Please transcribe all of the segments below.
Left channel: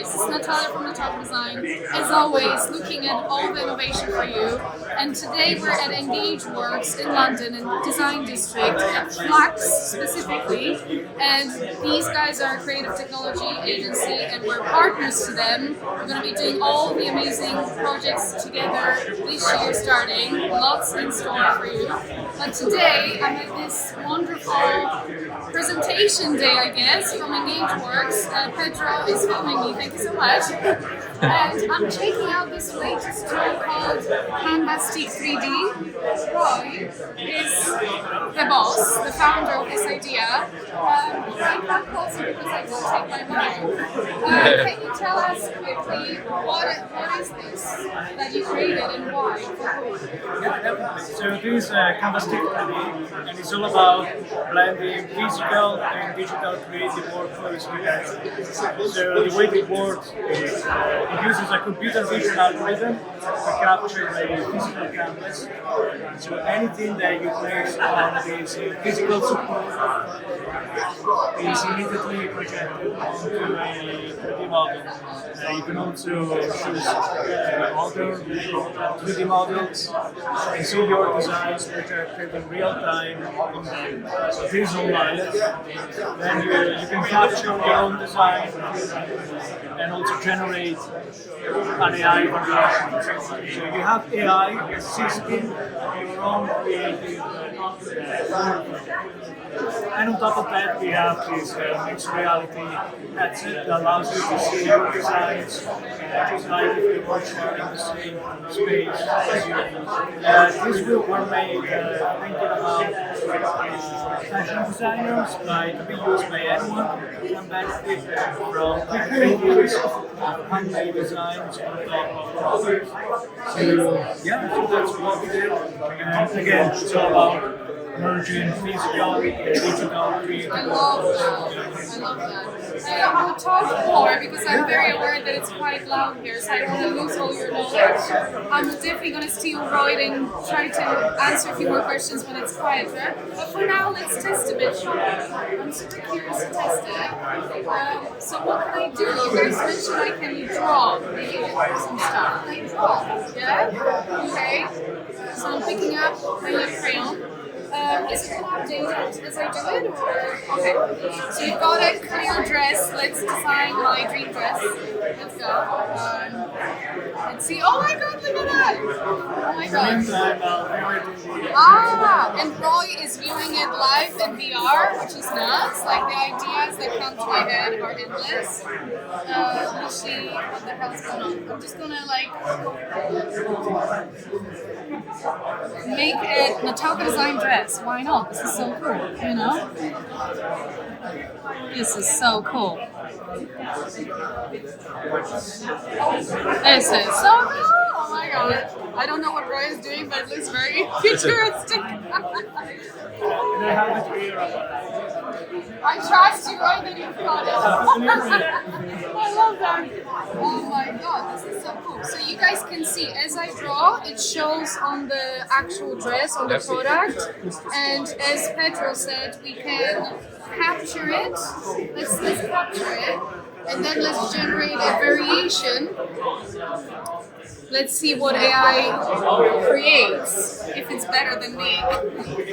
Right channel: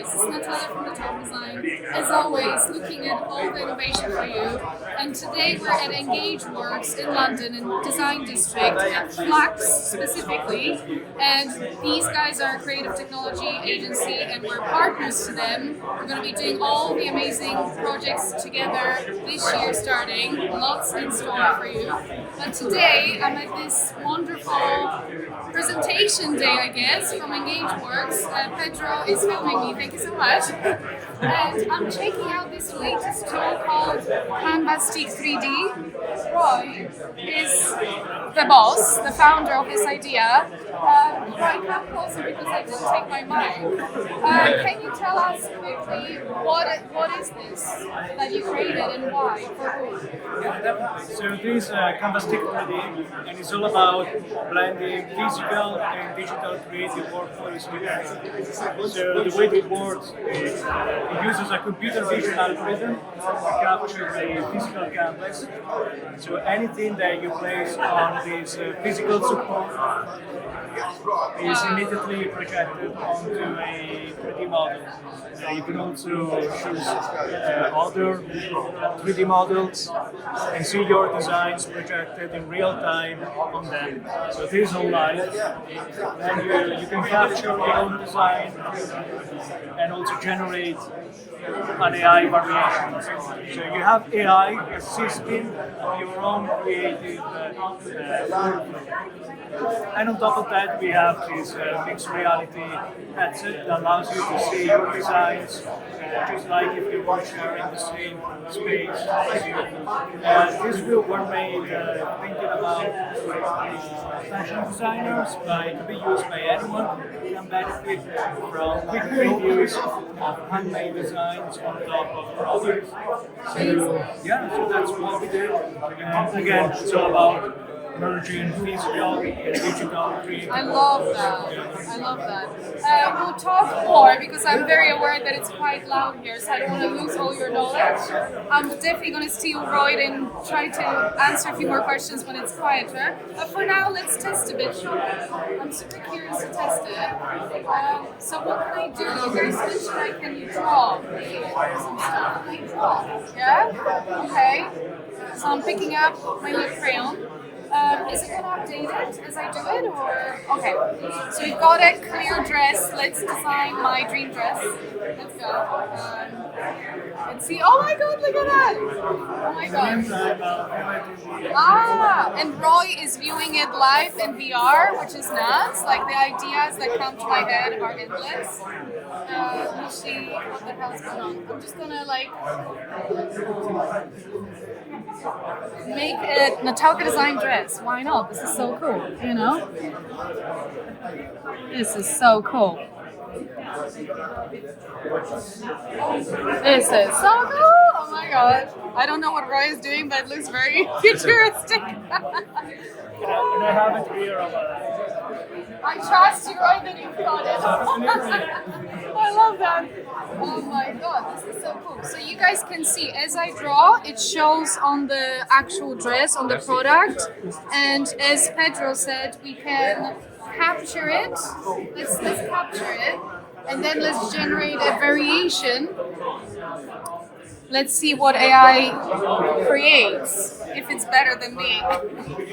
guys, it's Natalka from Natalka Design. As always, looking at all the innovation for you. And today we're at Engage Works in London, in Design District, at Flux specifically. And these guys are a creative technology agency, and we're partners to them. We're going to be doing all the amazing projects together this year starting. Lots in store for you. But today I'm at this wonderful presentation day, I guess, from Engage Works. Pedro is filming me, thank you so much. And I'm checking out this latest tool called Canvastic 3D. Roy is the boss, the founder of this idea. Roy, come closer because I didn't take my mic. Can you tell us quickly what is this that you created and why? For who? Yeah, definitely. So this is Canvastic 3D, and it's all about blending physical and digital creative workflows together. So the way it works is it uses a computer vision algorithm to capture a physical canvas. So anything that you place on this physical support is immediately projected onto a 3D model. You can also choose other 3D models and see your designs projected in real time on them. So this is online. Then you can capture your own design and also generate an AI variation. So you have AI assisting your own creative workflow. And on top of that, we have this mixed reality headset that allows you to see your designs, just like if you were sharing the same space as you. These were made thinking about fashion designers, like can be used by anyone who can benefit from quick reviews of handmade designs on top of products. So yeah, so that's what we did. And again, it's all about merging physical and digital creative. I love that. I love that. We'll talk more because I'm very aware that it's quite loud here, so I don't want to lose all your knowledge. I'm definitely going to steal Roy and try to answer a few more questions when it's quieter. But for now, let's test a bit. I'm super curious to test it. So what can I do? You guys mentioned I can draw some stuff. Can I draw? Yeah? Okay. So I'm picking up my little crayon. Is it going to update it as I do it, or okay? So you've got a clear dress. Let's design my dream dress. Let's go. Let's see. Oh my God! Look at that! Oh my God! And Roy is viewing it live in VR, which is nice. Like the ideas that come to my head are endless. Let me see what the hell's going on. I'm just gonna make a Natalka Design dress. Why not? This is so cool, you know? This is so cool. This is so cool! Oh my God. I don't know what Roy is doing, but it looks very futuristic. And I have it here. I trust you, Roy, that you've got it. I love that. Oh my God, this is so cool. So you guys can see, as I draw, it shows on the actual dress, on the product. And as Pedro said, we can capture it. Let's capture it. And then let's generate a variation. Let's see what AI creates, if it's better than me.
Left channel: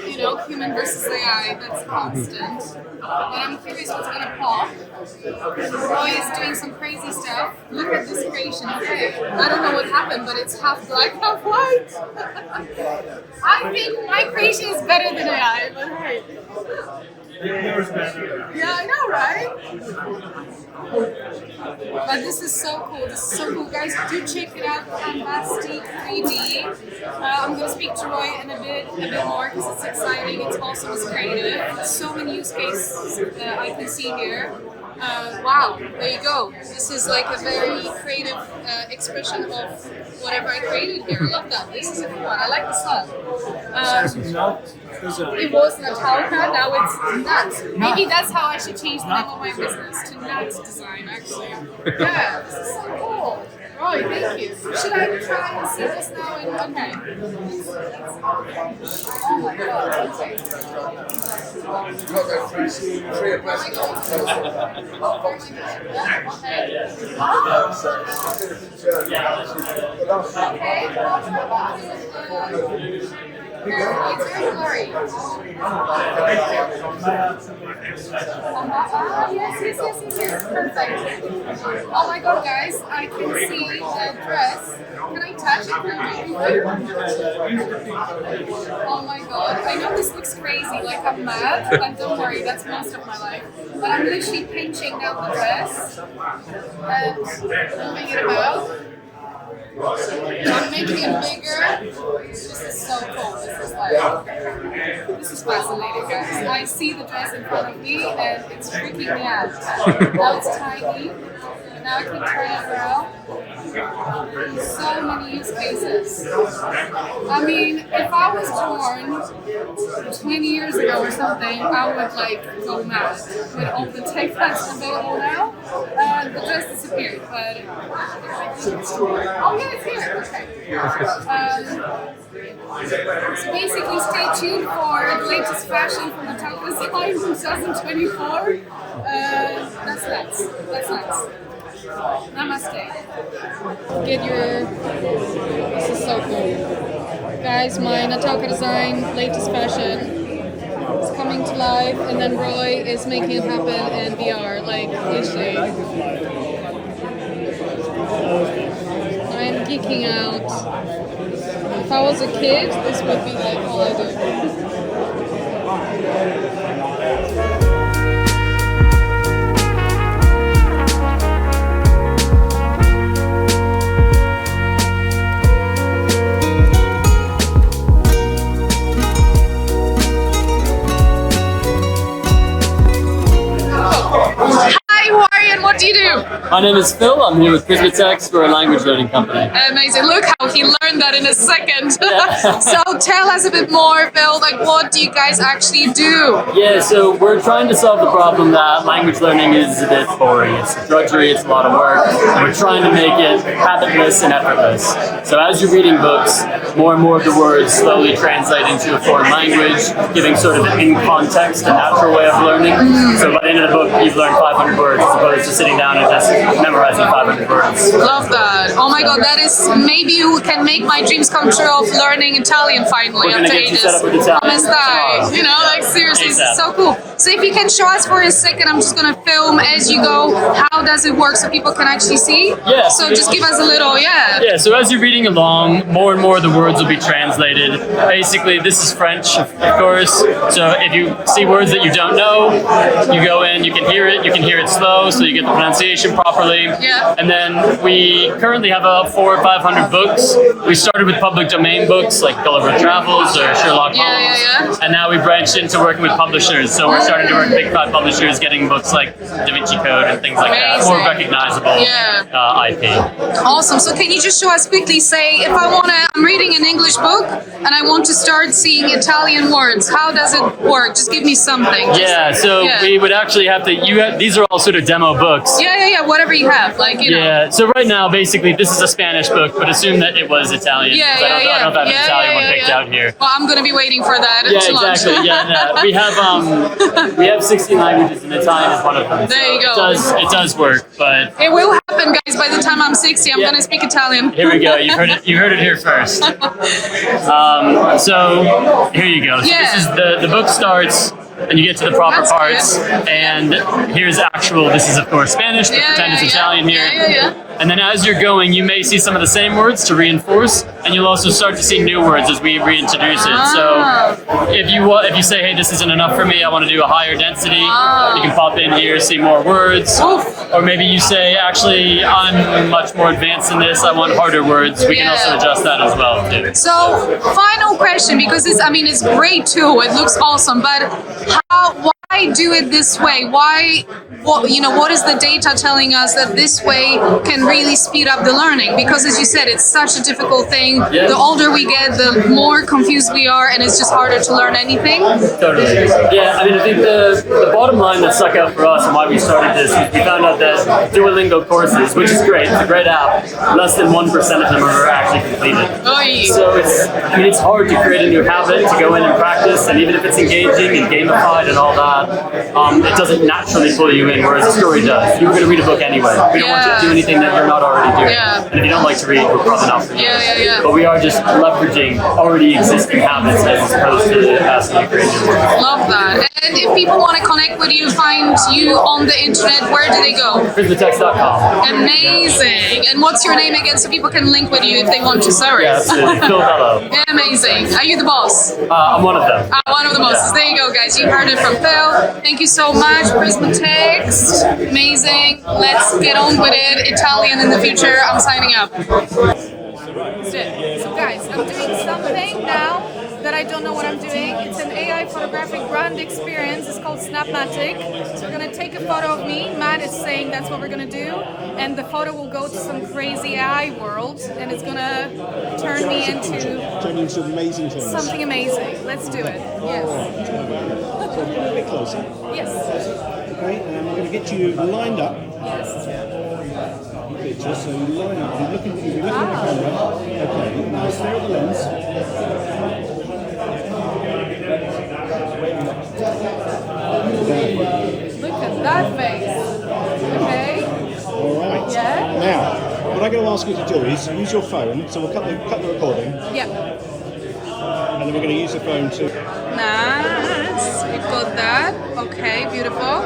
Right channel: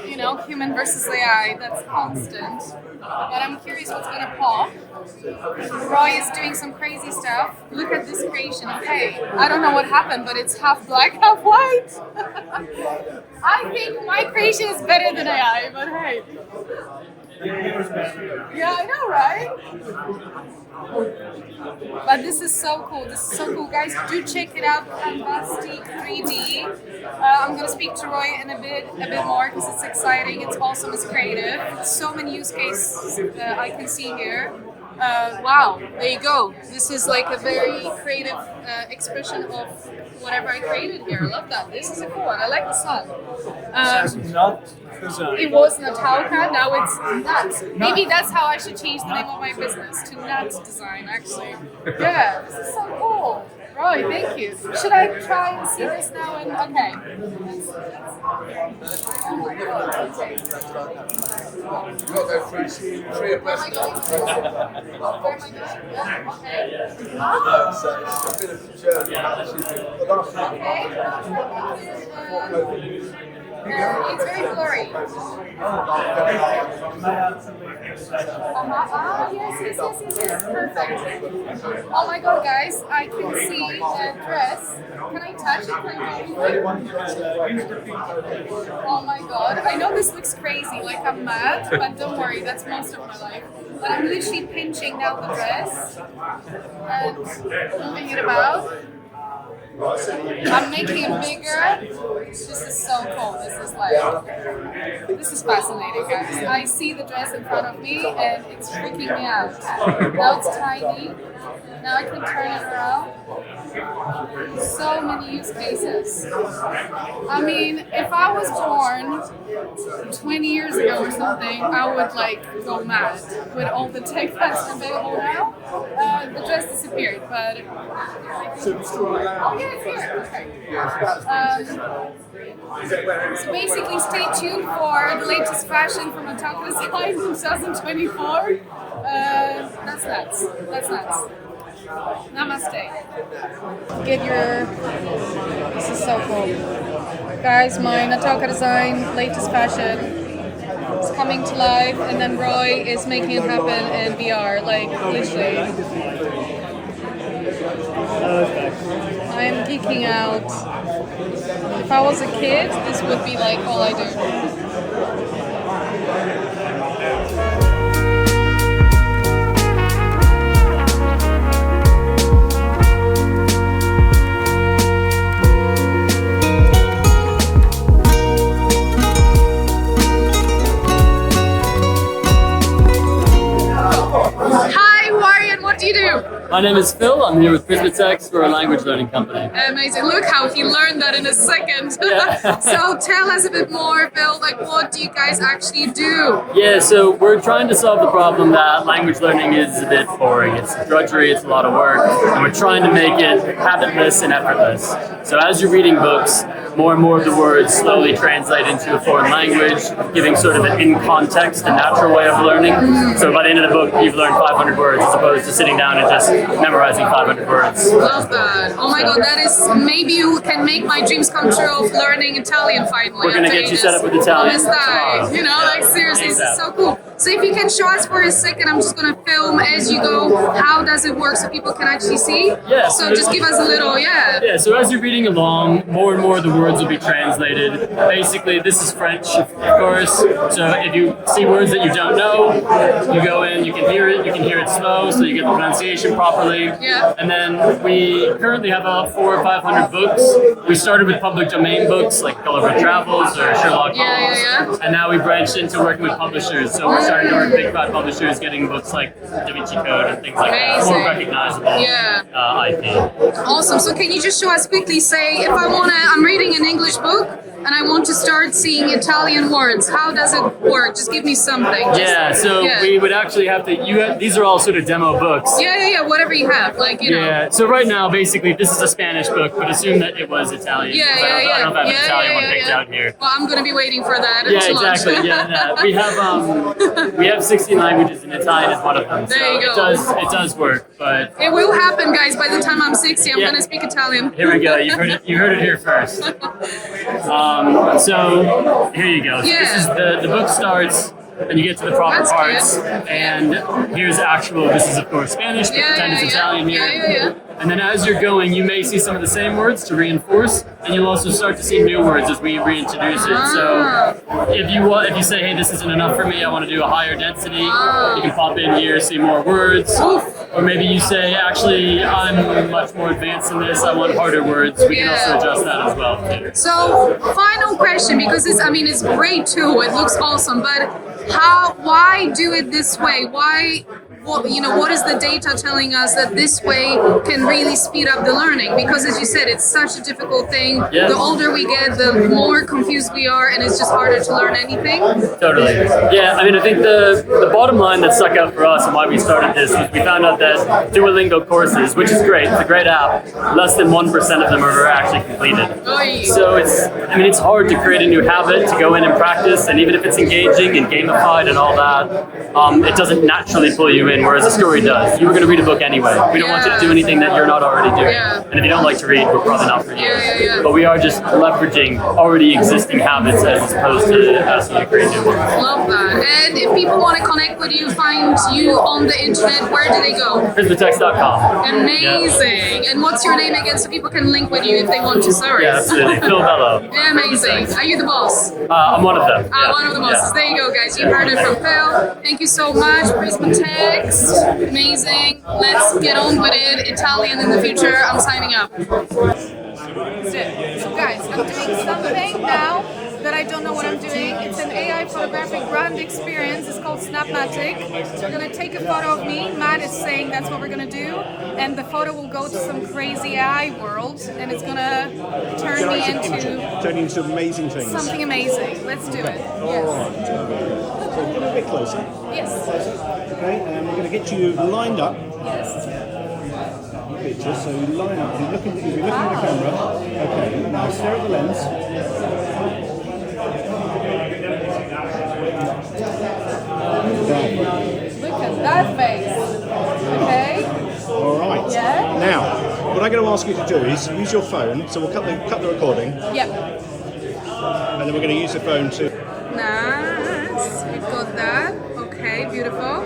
You know, human versus AI, that's constant. But I'm curious what's going to pop. Roy is doing some crazy stuff. Look at this creation. Hey, I don't know what happened, but it's half black, half white. I think my creation is better than AI, but hey. Yeah, I know, right? But this is so cool. This is so cool, guys. Do check it out. Canvastic 3D. I'm gonna speak to Roy in a bit more because it's exciting. It's awesome. It's creative. So many use cases I can see here. Wow, there you go. This is like a very creative expression of whatever I created here. I love that. This is a cool one. I like the sun. It was Natalka, now it's Nut. Maybe that's how I should change the name of my business to Nut Design, actually. Yeah, this is so cool. Right, thank you. Should I try and see this now? Okay. Oh my god. Okay. Where am I going? Where am I going? Okay. It's very blurry. Yes. Perfect. Oh my god, guys, I can see the dress. Can I touch it? Oh my god. I know this looks crazy, like I'm mad, but don't worry, that's most of my life. But I'm literally pinching down the dress and moving it about. I'm making it bigger. This is so cool. This is fascinating, guys. I see the dress in front of me and it's freaking me out. Now it's tiny. Now I can turn it around. So many use cases. I mean, if I was born 20 years ago or something, I would like go mad with all the tech that's available now. The dress disappeared, but oh yeah, it's here. Okay. So basically, stay tuned for the latest fashion from Natalka Design 2024. That's nuts. That's nuts. Namaste. Get your. This is so cool. Guys, my Natalka Design latest fashion is coming to life, and then Roy is making it happen in VR. Like, literally. I am geeking out. If I was a kid, this would be like all I do. What do you do? My name is Phil. I'm here with Prismatex. We're a language learning company. Amazing. Look how he learned that in a second. Yeah. So tell us a bit more, Phil, like what do you guys actually do? Yeah, so we're trying to solve the problem that language learning is a bit boring. It's drudgery, it's a lot of work, and we're trying to make it habitless and effortless. So as you're reading books, more and more of the words slowly translate into a foreign language, giving sort of an in-context and natural way of learning. So by the end of the book, you've learned 500 words as opposed to sitting down and just memorizing 500 words. Love that. Oh my god, that is, maybe you can make my dreams come true of learning Italian finally. We're going to get you set up with Italian. You know, like seriously, this is so cool. So if you can show us for a second, I'm just going to film as you go. How does it work so people can actually see? Yeah. So just give us a little, Yeah, so as you're reading along, more and more of the words will be translated. Basically, this is French, of course. So if you see words that you don't know, you go in, you can hear it slow, so you get the pronunciation properly. Yeah. And then we currently have about 400 or 500 books. We started with public domain books like Gulliver Travels or Sherlock Holmes. Yeah. And now we branched into working with publishers. So we're starting to work with big five publishers, getting books like Da Vinci Code and things like that. More recognizable IP. Awesome. So can you just show us quickly, say, if I'm reading an English book and I want to start seeing Italian words, how does it work? Just give me something. We would actually have to, these are all sort of demo books. Yeah, whatever you have, like, you know. Yeah, so right now, basically, this is a Spanish book, but assume that it was Italian. Yeah. I don't have an Italian one picked out here. Well, I'm going to be waiting for that to launch. We have 60 languages, and Italian is one of them. There you go. It does work, but... It will happen, guys. By the time I'm 60, I'm going to speak Italian. Here we go. You heard it here first. So, here you go. So this is the book starts... and you get to the proper parts, and this is of course Spanish, but pretend it's Italian here. Yeah. And then as you're going, you may see some of the same words to reinforce, and you'll also start to see new words as we reintroduce it. So if you say, hey, this isn't enough for me, I want to do a higher density, you can pop in here, see more words. Or maybe you say, actually, I'm much more advanced in this, I want harder words. We can also adjust that as well, too. So, final question, because it's great too, it looks awesome, but why do it this way? what is the data telling us that this way can really speed up the learning? Because as you said, it's such a difficult thing. Yeah. The older we get, the more confused we are, and it's just harder to learn anything. Totally. Yeah, I mean, I think the bottom line that stuck out for us and why we started this was we found out that Duolingo courses, which is great, it's a great app, less than 1% of them are actually completed. Oy. So it's hard to create a new habit, to go in and practice, and even if it's engaging and gamified and all that, it doesn't naturally pull you in, whereas a story does. You were going to read a book anyway. We don't want you to do anything that you're not already doing. Yeah. And if you don't like to read, we're probably not for you. Yeah. But we are just leveraging already existing habits as opposed to asking you to create new ones. Love that. And if people want to connect with you, find you on the internet, where do they go? Prismatex.com. Amazing. And what's your name again so people can link with you if they want to? Sorry. Yeah, absolutely. Phil Bello. Amazing. Are you the boss? I'm one of them. One of the bosses. There you go, guys. You heard it from Phil. Thank you so much, Prismatex. Amazing. Let's get on with it. Italian in the future. I'm signing up. That's it. So guys, I'm doing something now that I don't know what I'm doing. It's an AI photographic brand experience. It's called Snapmatic. So we're gonna take a photo of me. Matt is saying that's what we're gonna do, and the photo will go to some crazy AI world, and it's gonna turn me into amazing things. something amazing. Let's do it. Yes. So get a bit closer. Yes. Okay, and we're going to get you lined up. Yes. Picture. So you line up. You're looking at the camera. Okay. Now stare at the lens. Look at that face. Okay. All right. Yeah. Now, what I'm going to ask you to do is use your phone. So we'll cut the recording, Yep. and then we're going to use the phone to. Nice. We've got that. Okay, beautiful.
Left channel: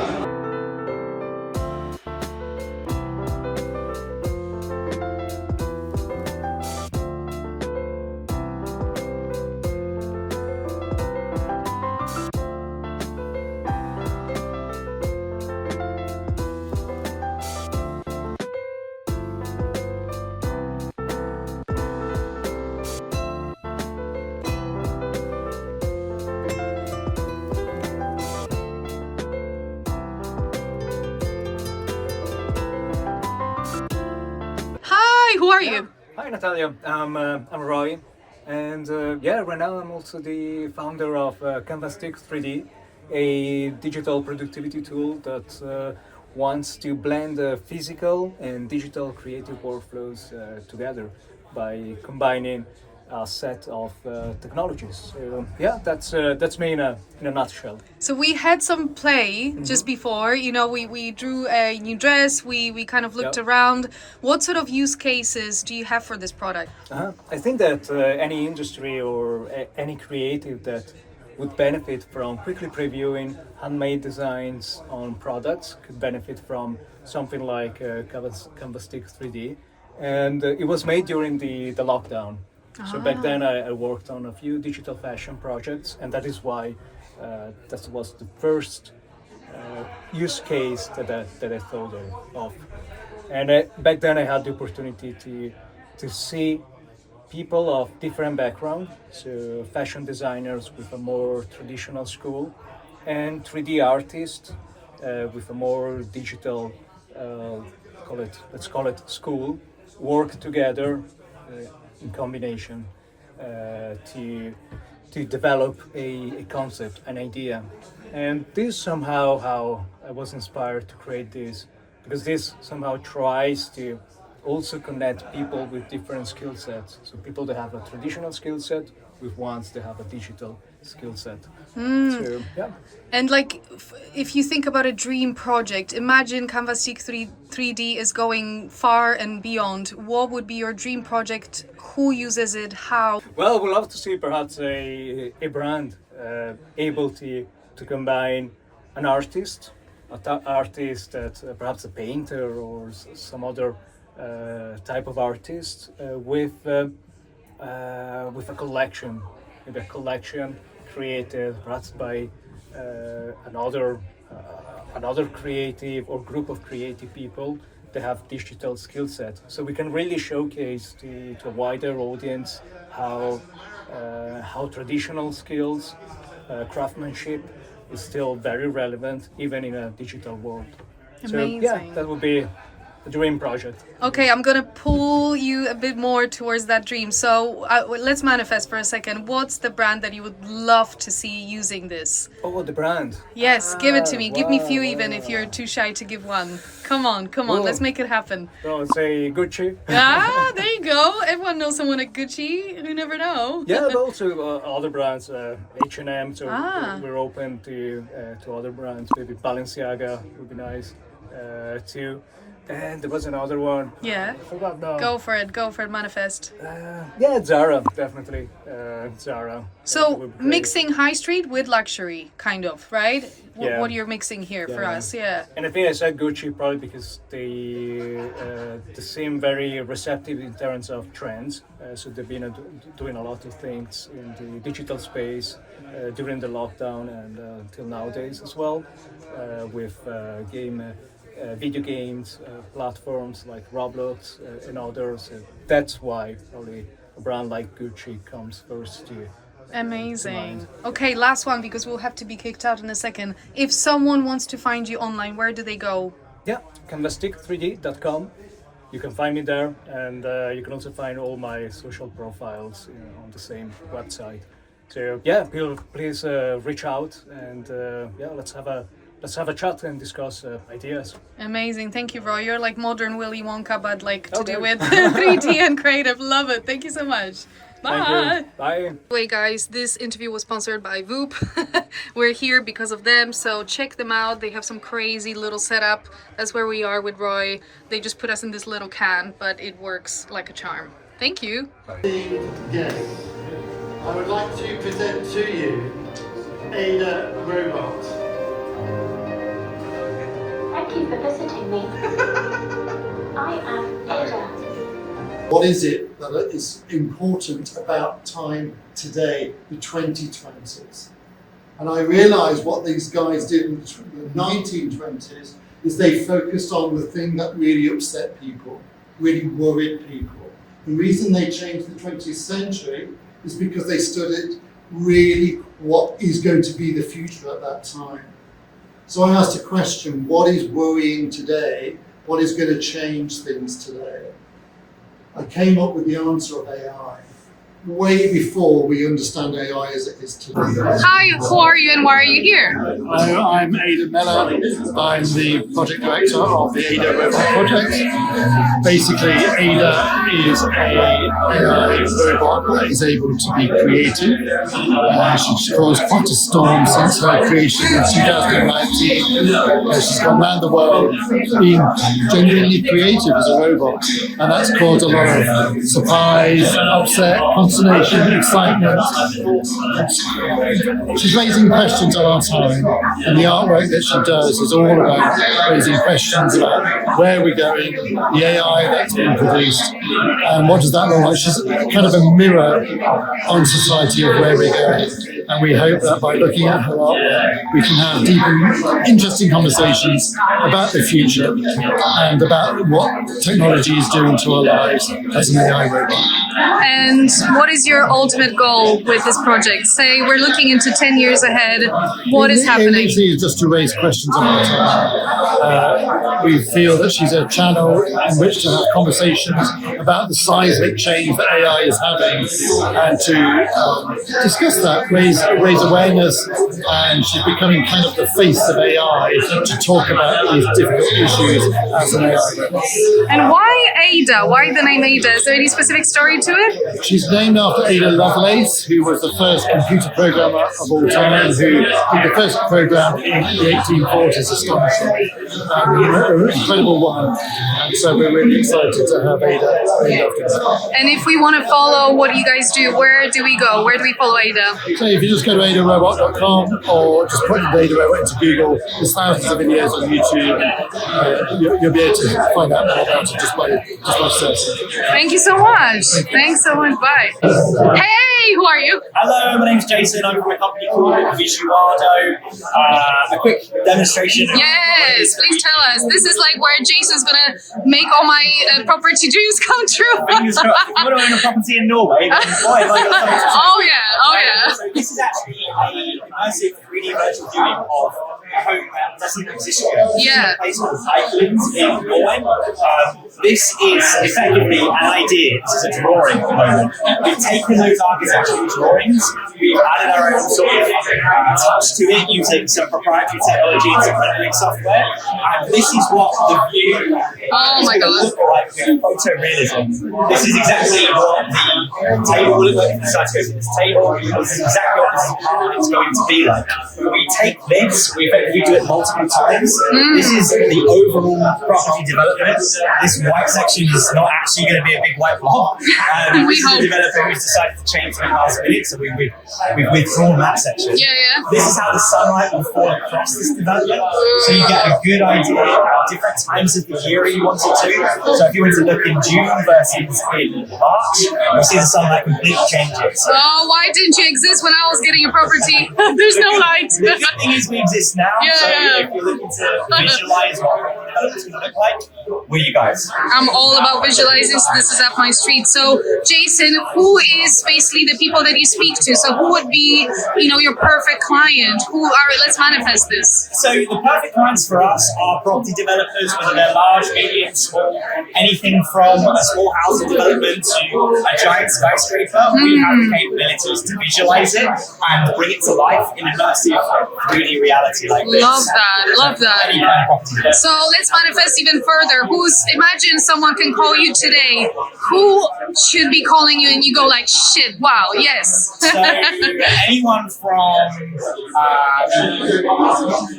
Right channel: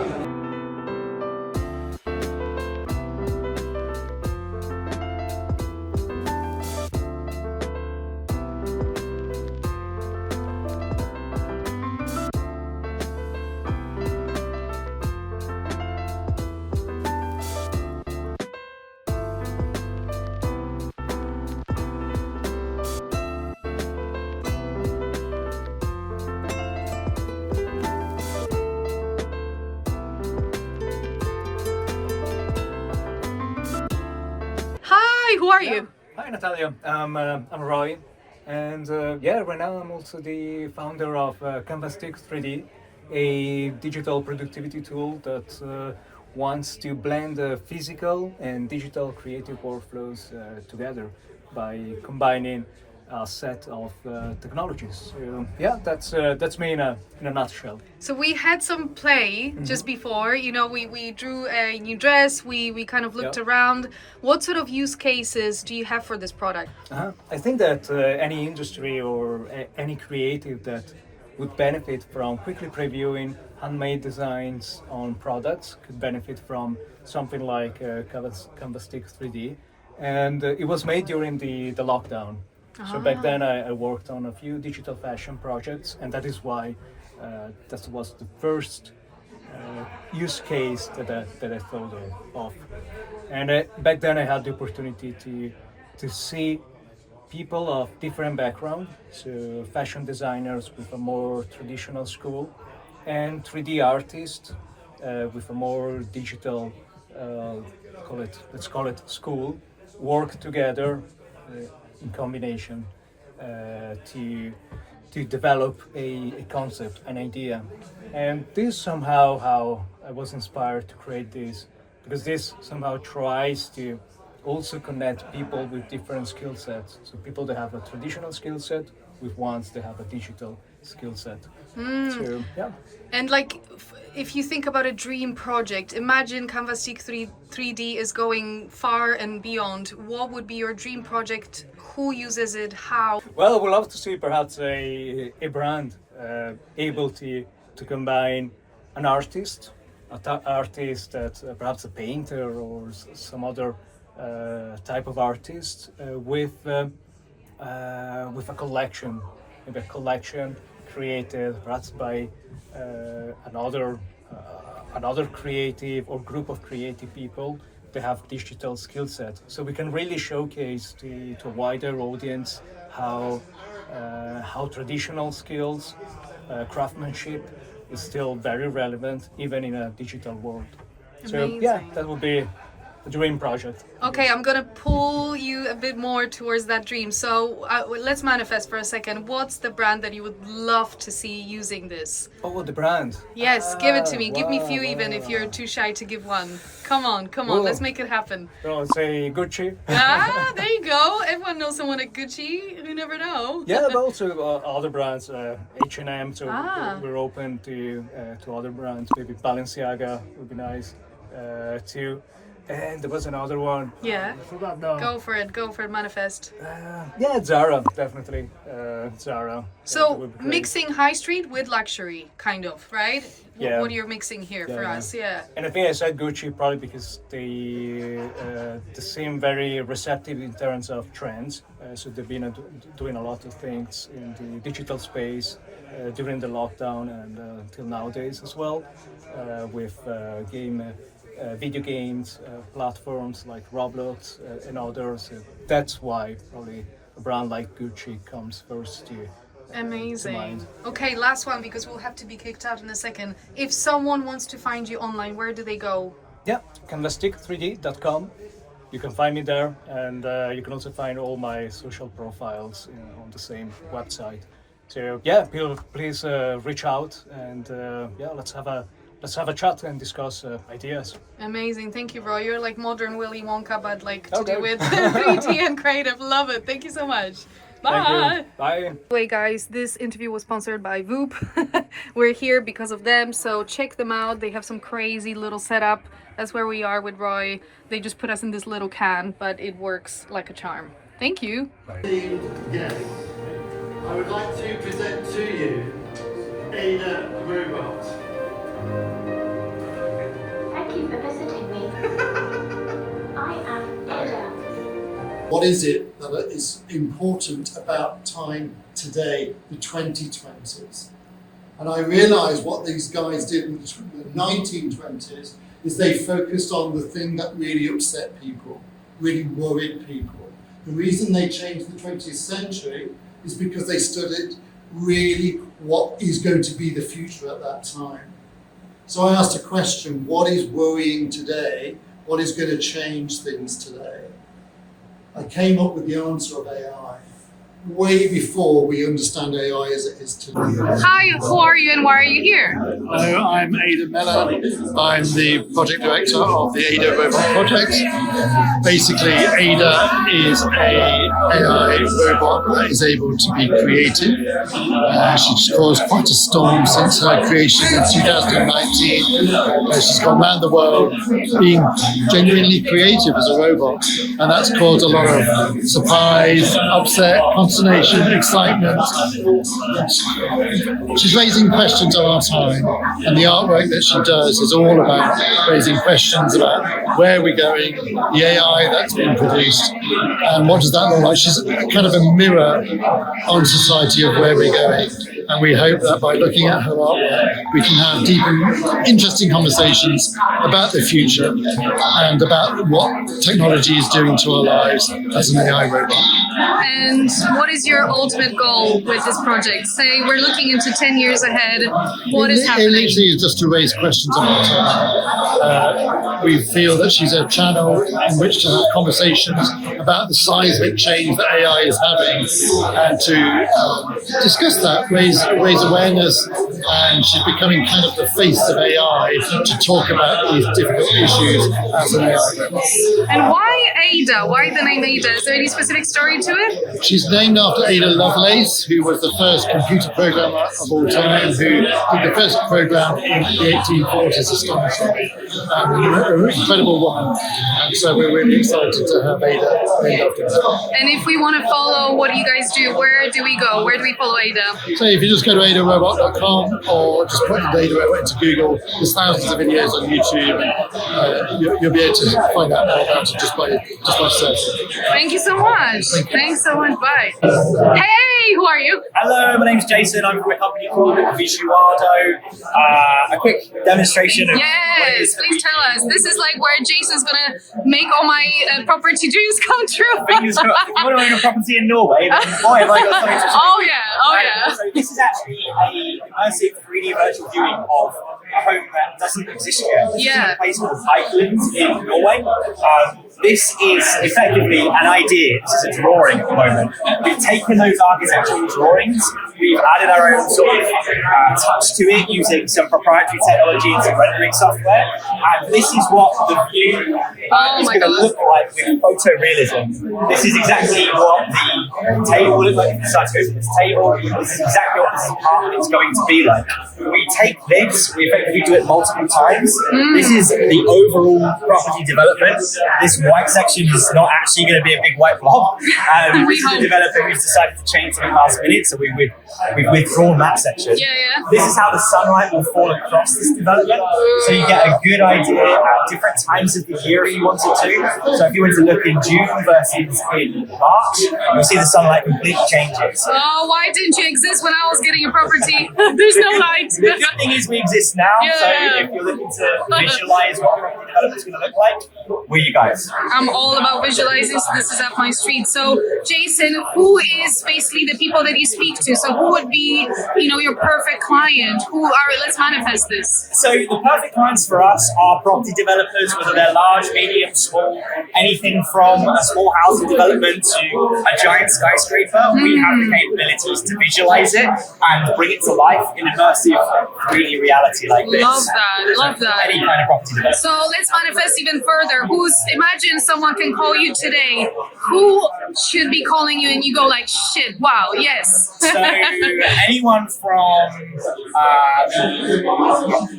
Hi, who are you? Hi Natalia, I'm Roy, and right now I'm also the founder of Canvastic 3D, a digital productivity tool that wants to blend physical and digital creative workflows together by combining a set of technologies. So that's me in a nutshell. So we had some play just before, we drew a new dress, we kind of looked Yep. around. What sort of use cases do you have for this product? I think that any industry or any creative that would benefit from quickly previewing handmade designs on products could benefit from something like Canvastic 3D. And it was made during the lockdown. So back then I worked on a few digital fashion projects, and that is why that was the first use case that I thought of. And back then I had the opportunity to see people of different background, so fashion designers with a more traditional school, and 3D artists with a more digital, let's call it school, work together in combination to develop a concept, an idea. And this somehow how I was inspired to create this, because this somehow tries to also connect people with different skill sets. So people that have a traditional skill set with ones that have a digital skill set. So, yeah. And if you think about a dream project, imagine Canvastic 3D is going far and beyond. What would be your dream project? Who uses it? How? Well, we'd love to see perhaps a brand able to combine an artist that perhaps a painter or some other type of artist with a collection, maybe a collection created perhaps by another creative or group of creative people that have digital skill set. So we can really showcase to a wider audience how traditional skills, craftsmanship is still very relevant even in a digital world. So yeah, Amazing. that would be the dream project. Okay, I'm gonna pull you a bit more towards that dream. So let's manifest for a second. What's the brand that you would love to see using this? Oh, the brand. Yes, give it to me. Give me a few wow, even if you're too shy to give one. Come on, come on, Whoa. let's make it happen. So say Gucci. Ah, there you go. Everyone knows someone at Gucci. You never know. Yeah, but also other brands, H&M. So Ah. we're open to other brands. Maybe Balenciaga would be nice too. And there was another one. Yeah. I forgot now. Go for it, manifest. Yeah, Zara, definitely. Zara. So would be great. mixing high street with luxury, kind of, right? Yeah. What you're mixing here for Yeah. us, yeah. And I think I said Gucci probably because they seem very receptive in terms of trends. So they've been doing a lot of things in the digital space during the lockdown and till nowadays as well, with video games, platforms like Roblox and others. That's why probably a brand like Gucci comes first to Amazing. mind. Okay, last one because we'll have to be kicked out in a second. If someone wants to find you online, where do they go? Yeah, canvastic3d.com. You can find me there, and you can also find all my social profiles on the same website. So yeah, please reach out, and yeah, let's have a chat and discuss ideas. Amazing. Thank you, Roy. You're like modern Willy Wonka, but like to Okay. do with 3D and creative. Love it. Thank you so much. Bye. Thank you. Bye. Anyway, guys, this interview was sponsored by Voop. We're here because of them, so check them out. They have some crazy little setup. That's where we are with Roy. They just put us in this little can, but it works like a charm. Thank you. Yes, I would like to present to you Ada Robot. Thank you for visiting me. I am Ada. What is it that is important about time today, the 2020s? And I realise what these guys did in the 1920s is they focused on the thing that really upset people, really worried people. The reason they changed the 20th century is because they studied really what is going to be the future at that time. So I asked a question, what is worrying today? What is going to change things today? I came up with the answer of AI, way before we understand AI as it is today. Hi, who are you and why are you here? Hello, I'm Ada Miller. I'm the project director of the Ada Robot project. Basically, Ada is an AI robot that is able to be creative. She's caused quite a storm since her creation in 2019. She's gone around the world being genuinely creative as a robot, and that's caused a lot of surprise, upset, consternation, excitement. She's raising questions on our time, and the artwork that she does is all about raising questions about where we're going, the AI that's been produced, and what does that look like. She's kind of a mirror on society of where we're going, and we hope that by looking at her artwork, we can have deep and interesting conversations about the future and about what technology is doing to our lives as an AI robot. And what is your ultimate goal with this project? Say we're looking into 10 years ahead. What is It happening? literally is just to raise questions on our time. We feel that she's a channel in which to have conversations about the seismic change that AI is having, and to discuss that, raise awareness, and she's becoming kind of the face of AI to talk about these difficult issues as an AI robot. And why Ada? Why the name Ada? Is there any specific story to it? She's named after Ada Lovelace, who was the first computer programmer of all time, who did the first program in the 1840s, astonishingly. An incredible woman, and so we're really excited to have Ada named after her. And if we want to follow what you guys do, where do we go? Where do we follow Ada? So if you just go to adarobot.com or just put Ada Robot into Google, there's thousands of videos on YouTube, and you'll be able to find out more about it just by searching. Thank you so much. Thanks so much. Bye. Hey, who are you? Hello, my name's Jason. I'm from a company called Visuardo. A quick demonstration. Of Yes, please tell us. This is like where Jason's gonna make all my property dreams come true. Fingers crossed. If you want to own a property in Norway, then boy, have I got something to show. Oh yeah, oh yeah. So this is actually a immersive 3D virtual viewing of home that doesn't exist yet. Yeah. A place called Iceland in Norway. This is effectively an idea. This is a drawing at the moment. We've taken those architectural drawings, we've added our own sort of touch to it using some proprietary technology and some rendering software. And this is what the view Oh my God. look like with photorealism. This is exactly what the table will look like if you decide to go to this table. This is exactly what this apartment is going to be like. We take this, we effectively do it multiple times. This is the overall property development. This white section is not actually going to be a big white blob. We This is hope. the developer who's decided to change something last minute, so we've withdrawn that section. Yeah. This is how the sunlight will fall across this development, so you get a good idea at different times of the year you want it to. So if you want to look in June versus in March, you'll see the sunlight completely changes. Oh, why didn't you exist when I was getting a property? There's no light. The good thing is we exist now, so Yeah. if you're looking to visualize what a property developer's going to look like, we're you guys. I'm all about visualizing, so this is up my street. So, Jason, who is basically the people that you speak to? So, who would be, your perfect client? Let's manifest this. So the perfect clients for us are property developers, whether they're large, medium, small, anything from a small housing development to a giant skyscraper. We have the capabilities to visualize it and bring it to life in immersive 3D reality like this. Love that. Any kind of property development. So let's manifest even further. Imagine someone can call you today. Who should be calling you and you go like, shit, wow, yes. So anyone from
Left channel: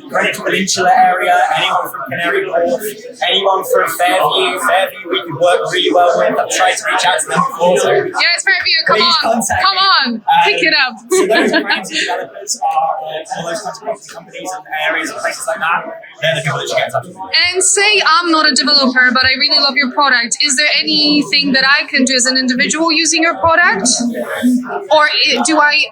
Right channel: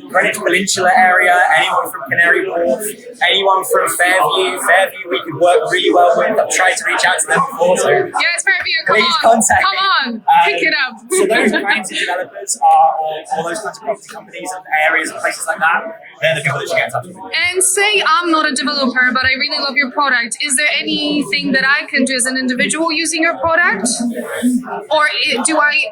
Greenwich Peninsula area, anyone from Canary Wharf, anyone from Fairview. Fairview we could work really well with. I've tried to reach out to them before, so Yes, Fairview, come please on. contact Come me. on. Pick it up. So those kinds of developers are all those kinds of property companies and areas and places like that. They're the people that you get in touch with. And say I'm not a developer, but I really love your product. Is there anything that I can do as an individual using your product? Or do I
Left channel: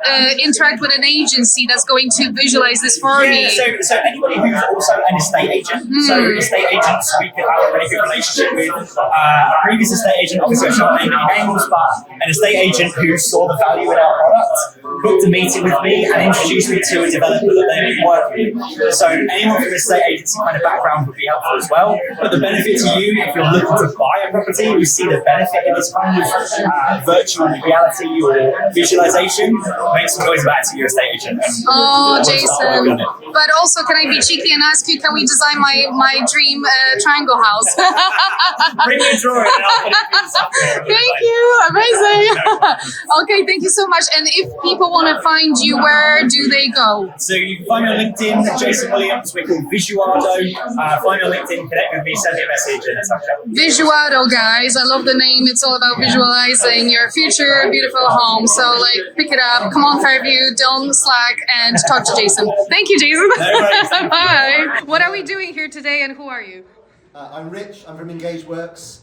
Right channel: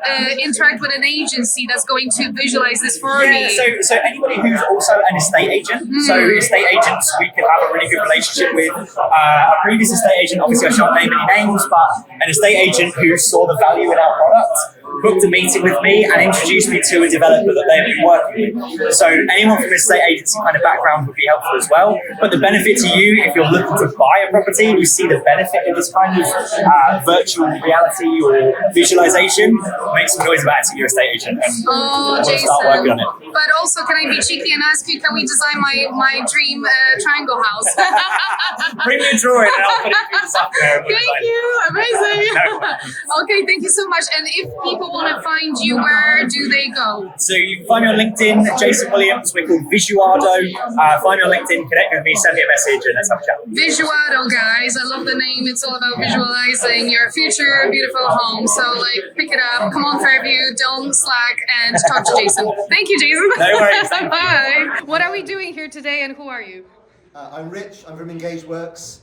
interact with an agency that's going to visualize this for me? So anybody who's also an estate agent, so estate agents we could have a really good relationship with. A previous estate agent, obviously I shan't name any names, but an estate agent who saw the value in our product, booked a meeting with me and introduced me to a developer that they've been working with. So anyone from an estate agency kind of background would be helpful as well. But the benefit to you, if you're looking to buy a property, you see the benefit of this kind of virtual reality or visualization, make some noise about it to your estate agent. And Oh, we'll start working on Jason. it. But also, can I be cheeky and ask you, can we design my dream triangle house? Bring me a drawing and I'll put it through the software. Thank you. Amazing. Okay, thank you so much. And if people want to find you, where do they go? So you can find me on LinkedIn, Jason Williams. We're called Visuado. Find me on LinkedIn, connect with me, send me a message, and let's have a chat. Visuado, guys. I love the name. It's all about visualizing your future beautiful home. So, pick it up. Come on, Fairview. Don't slack and talk to Jason. Thank you, Jason. No worries. Bye. What are we doing here today, and who are you? I'm Rich, I'm from EngageWorks.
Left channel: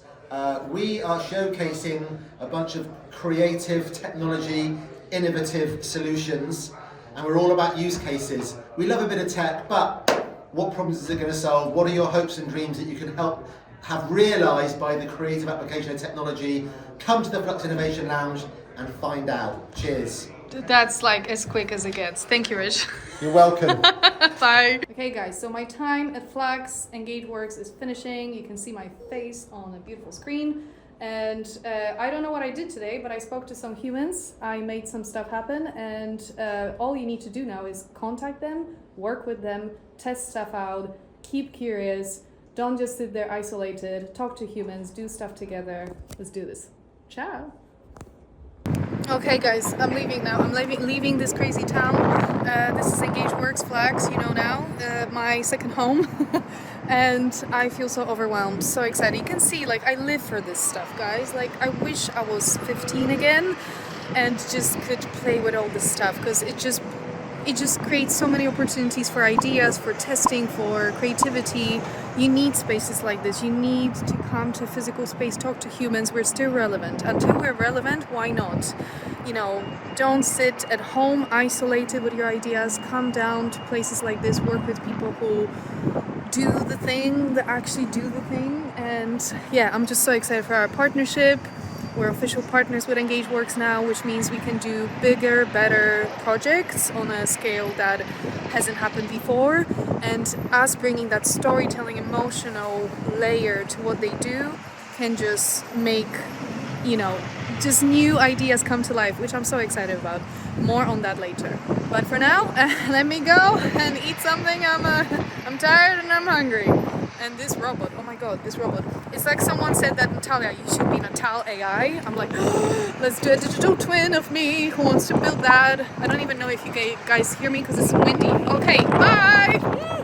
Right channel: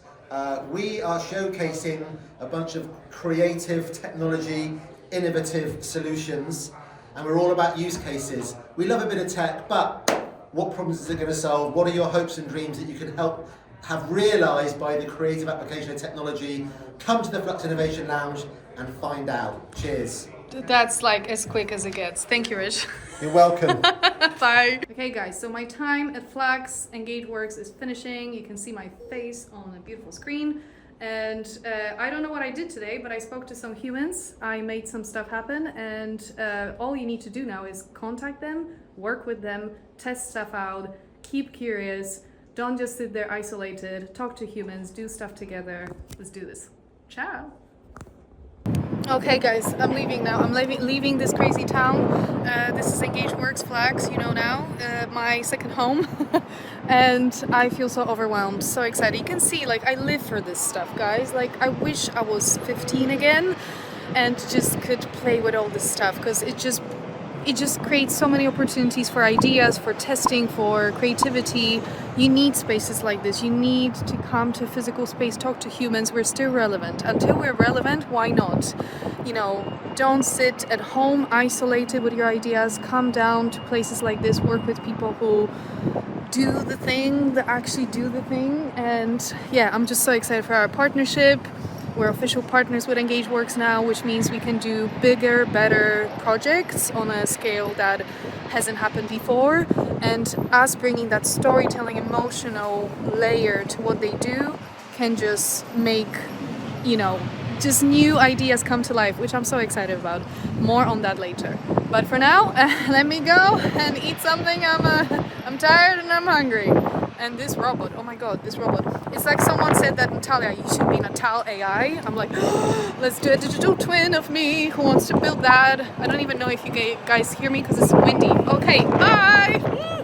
We are showcasing a bunch of creative technology, innovative solutions, and we're all about use cases. We love a bit of tech, but what problems is it going to solve? What are your hopes and dreams that you can help have realised by the creative application of technology? Come to the Flux Innovation Lounge and find out. Cheers. That's as quick as it gets. Thank you, Rich. You're welcome. Bye. Okay, guys, so my time at Flux EngageWorks is finishing. You can see my face on a beautiful screen. And I don't know what I did today, but I spoke to some humans. I made some stuff happen. And all you need to do now is contact them, work with them, test stuff out, keep curious. Don't just sit there isolated. Talk to humans, do stuff together. Let's do this. Ciao. Okay guys, I'm leaving now. I'm leaving this crazy town. This is EngageWorks Flux, now, my second home. And I feel so overwhelmed, so excited. You can see, I live for this stuff, guys. I wish I was 15 again and just could play with all this stuff, because it just creates so many opportunities for ideas, for testing, for creativity. You need spaces like this. You need to come to a physical space, talk to humans. We're still relevant. Until we're relevant, why not? Don't sit at home isolated with your ideas. Come down to places like this, work with people who do the thing, that actually do the thing. And yeah, I'm just so excited for our partnership. We're official partners with EngageWorks now, which means we can do bigger, better projects on a scale that hasn't happened before. And us bringing that storytelling, emotional layer to what they do can just make, you know, just new ideas come to life, which I'm so excited about. More on that later. But for now, let me go and eat something. I'm tired and I'm hungry. And this robot, oh my god, this robot. It's like someone said that, Natalia, you should be Natal AI. I'm like, let's do a digital twin of me. Who wants to build that? I don't even know if you guys hear me because it's windy. Okay, bye!